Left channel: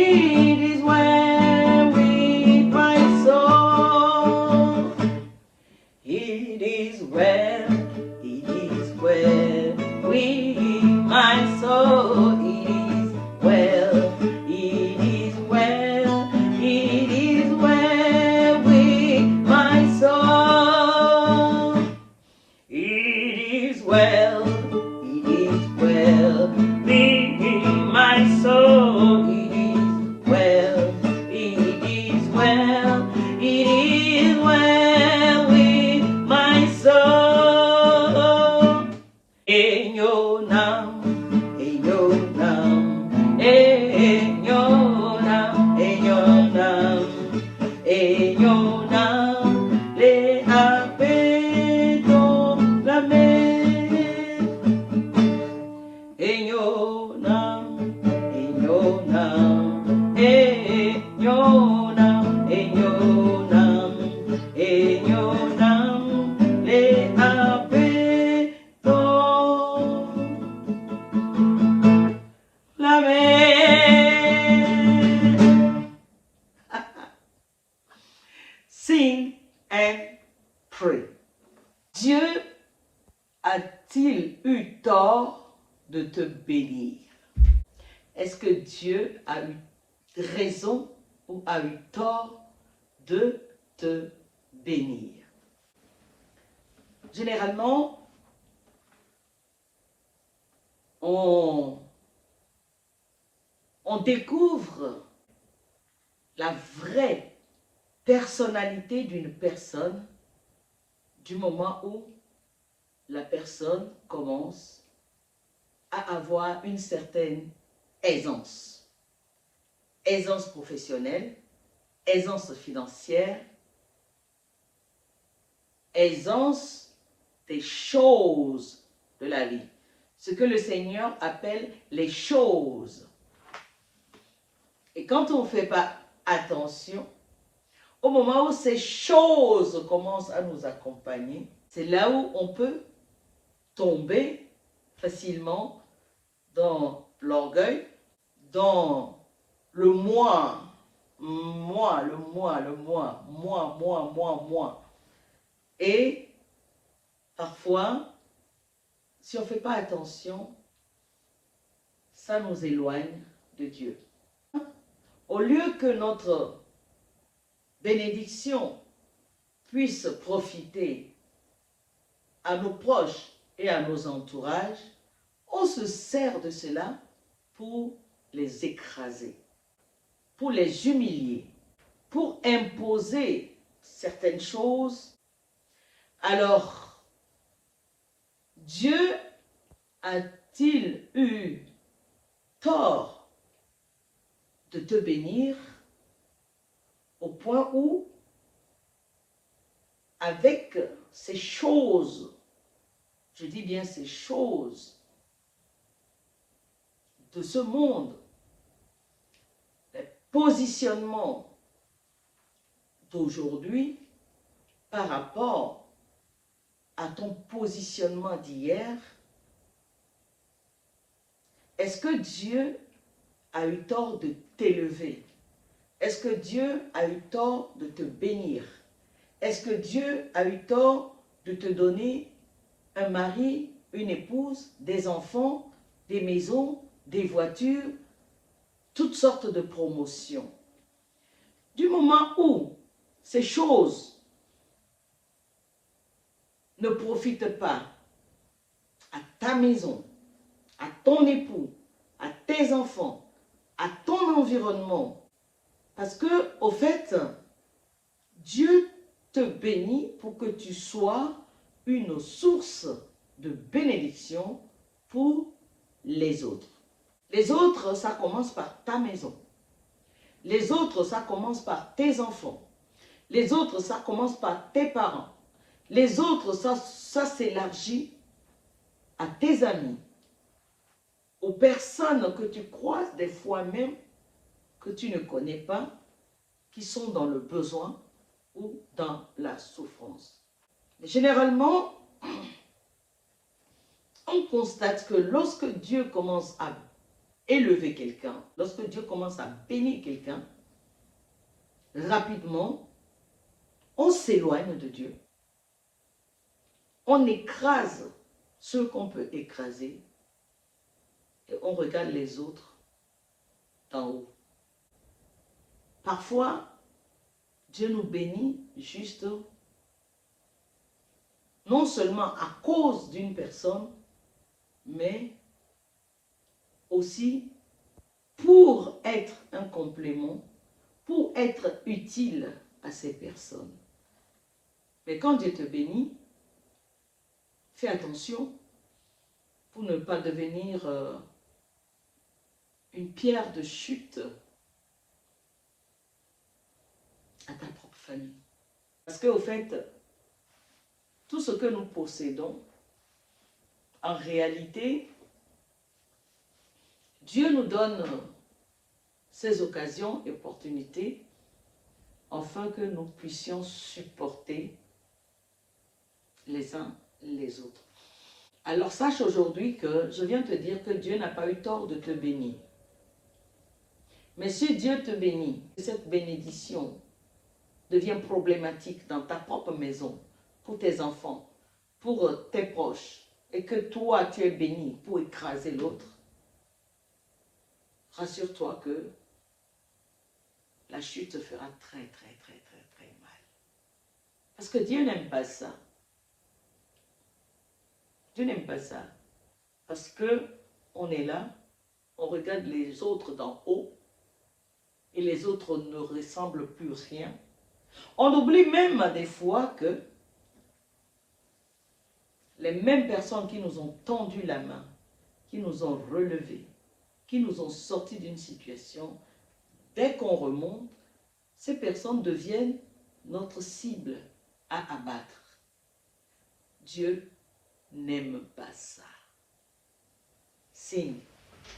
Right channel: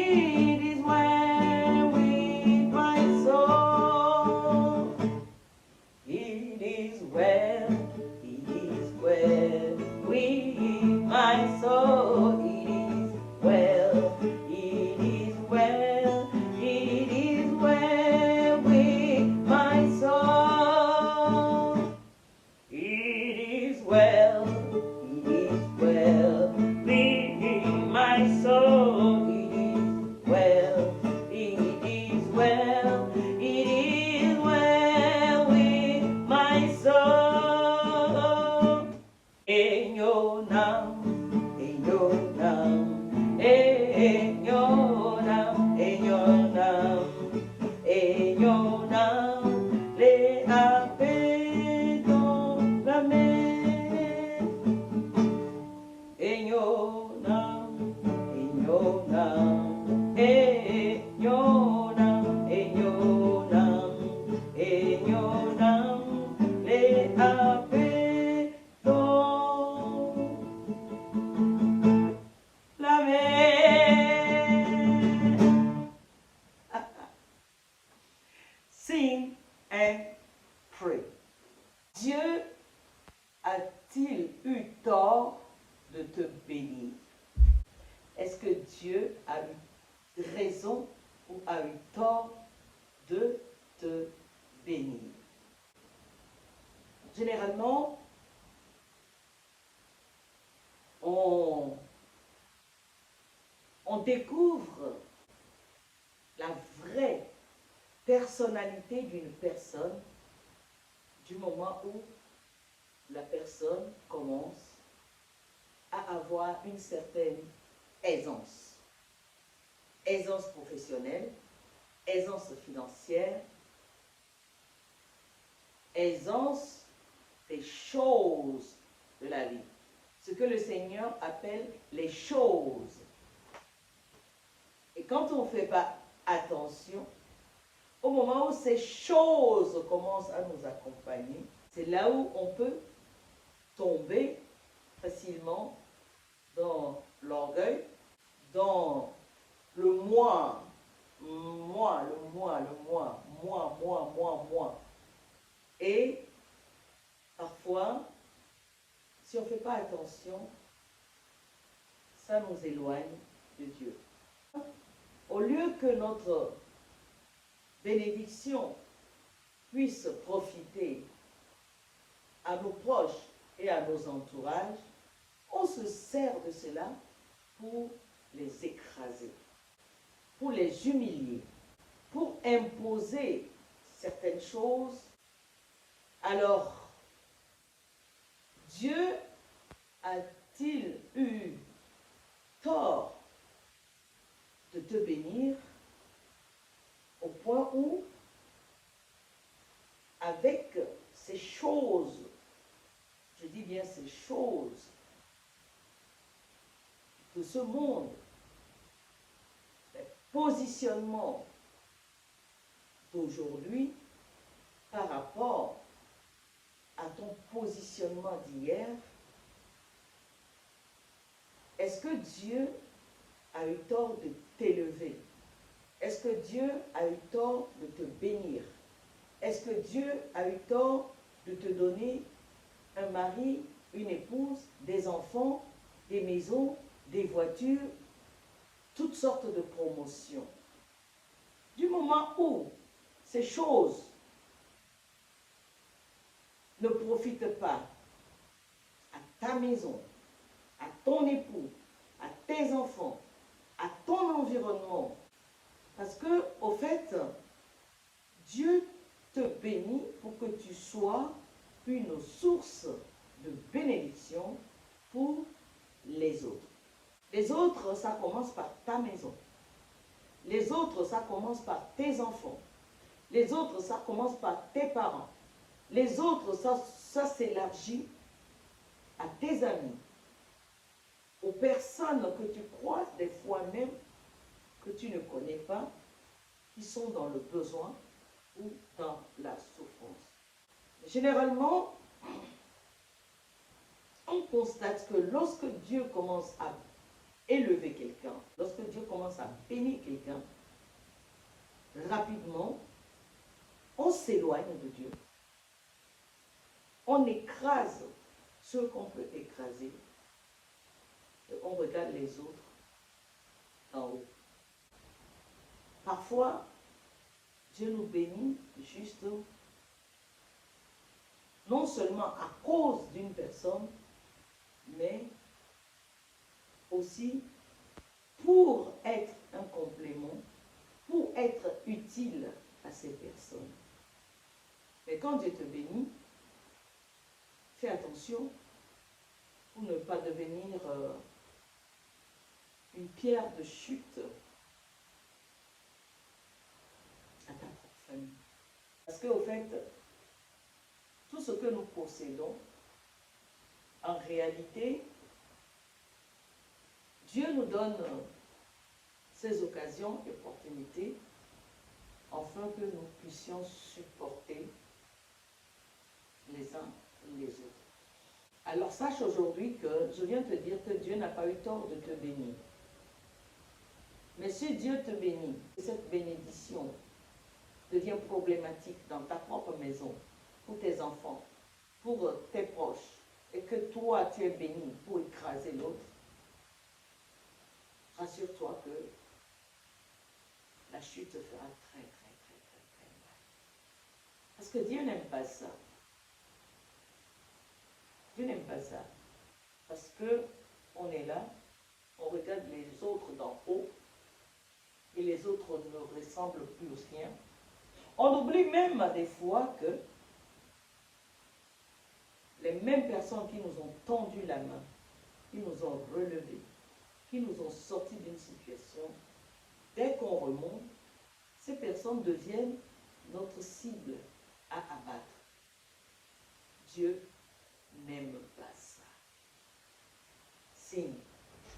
It is well with my soul. It is well with my soul. It is well, it is well, it is well with my soul. It is well with my soul. It is well, it is well, it is well with my soul. In your name, in your name, in your name, in your name, in your name, les appelons la mer. In your name, in your name, in your name, in your name, in your name, les appelons la mer. Sing and pray. Dieu a-t-il eu tort de te bénir? Est-ce que Dieu a eu raison ou a eu tort de te bénir? Généralement, on découvre la vraie personnalité d'une personne du moment où la personne commence à avoir une certaine aisance. Aisance professionnelle, aisance financière, aisance des choses de la vie. Ce que le Seigneur appelle les choses. Et quand on ne fait pas attention, au moment où ces choses commencent à nous accompagner, c'est là où on peut tomber facilement dans l'orgueil, dans le moi, moi. Et parfois, si on ne fait pas attention, ça nous éloigne de Dieu. Au lieu que notre bénédiction puisse profiter à nos proches et à nos entourages, on se sert de cela pour les écraser, pour les humilier, pour imposer certaines choses. Alors, Dieu a-t-il eu tort de te bénir au point où, avec ces choses, je dis bien ces choses de ce monde, les positionnements d'aujourd'hui par rapport à ton positionnement d'hier, est-ce que Dieu a eu tort de t'élever? Est-ce que Dieu a eu tort de te bénir? Est-ce que Dieu a eu tort de te donner un mari, une épouse, des enfants, des maisons, des voitures, toutes sortes de promotions? Du moment où ces choses ne profitent pas à ta maison, à ton époux, à tes enfants, à ton environnement, parce que, au fait, Dieu te bénit pour que tu sois une source de bénédiction pour les autres. Les autres, ça commence par ta maison. Les autres, ça commence par tes enfants. Les autres, ça commence par tes parents. Les autres, ça s'élargit à tes amis, aux personnes que tu croises des fois même, que tu ne connais pas, qui sont dans le besoin ou dans la souffrance. Mais généralement, on constate que lorsque Dieu commence à élever quelqu'un, lorsque Dieu commence à bénir quelqu'un, rapidement, on s'éloigne de Dieu. On écrase ceux qu'on peut écraser et on regarde les autres d'en haut. Parfois, Dieu nous bénit juste non seulement à cause d'une personne, mais aussi pour être un complément, pour être utile à ces personnes. Mais quand Dieu te bénit, fais attention pour ne pas devenir une pierre de chute à ta propre famille. Parce qu'au fait, tout ce que nous possédons, en réalité, Dieu nous donne ces occasions et opportunités afin que nous puissions supporter les uns les autres. Alors sache aujourd'hui que je viens te dire que Dieu n'a pas eu tort de te bénir. Mais si Dieu te bénit, cette bénédiction devient problématique dans ta propre maison, pour tes enfants, pour tes proches, et que toi tu es béni pour écraser l'autre, rassure-toi que la chute se fera très mal. Parce que Dieu n'aime pas ça. Dieu n'aime pas ça. Parce que on est là, on regarde les autres d'en haut, et les autres ne ressemblent plus rien. On oublie même des fois que les mêmes personnes qui nous ont tendu la main, qui nous ont relevés, qui nous ont sortis d'une situation, dès qu'on remonte, ces personnes deviennent notre cible à abattre. Dieu n'aime pas ça. Sing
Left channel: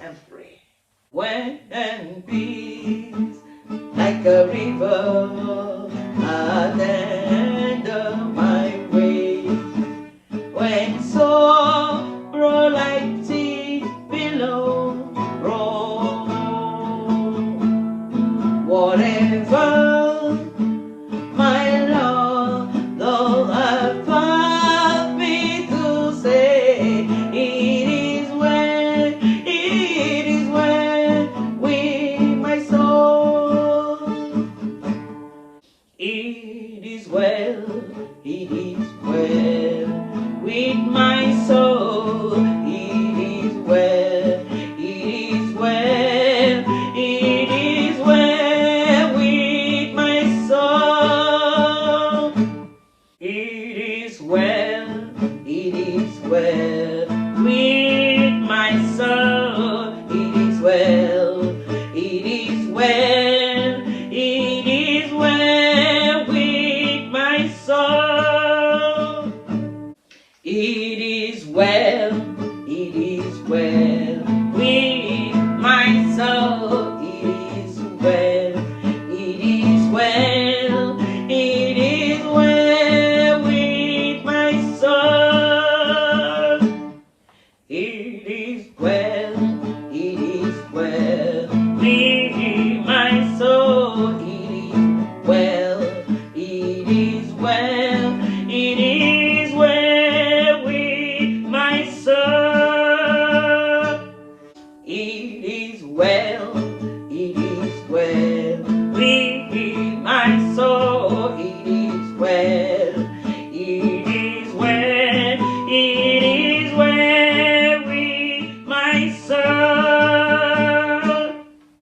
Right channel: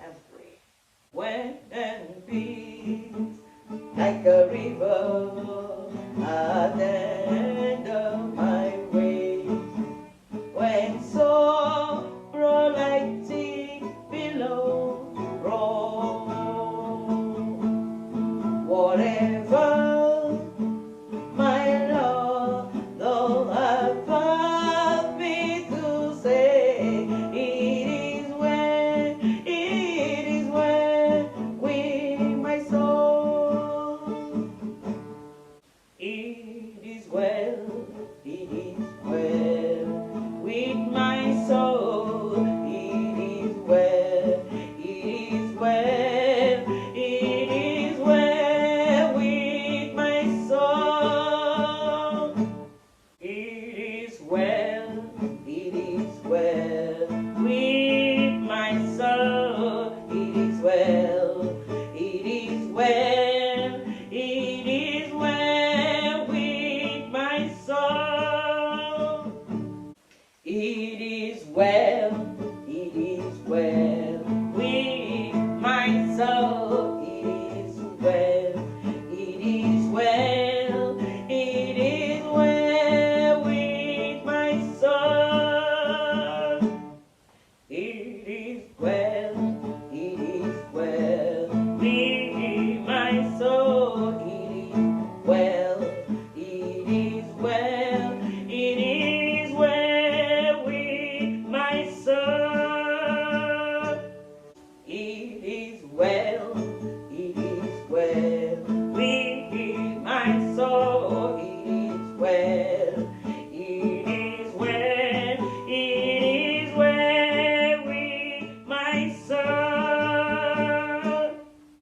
and pray. When peace like a river at the end of my way, when sorrow like sea below roll, whatever my Lord, though I found me to say, it is well with my soul. It is well with my soul. It is well with my soul. It is well with my soul. It is well with my soul. It is well with my soul. It is well with my soul. It is well with my soul. It is well with my soul. It is well with my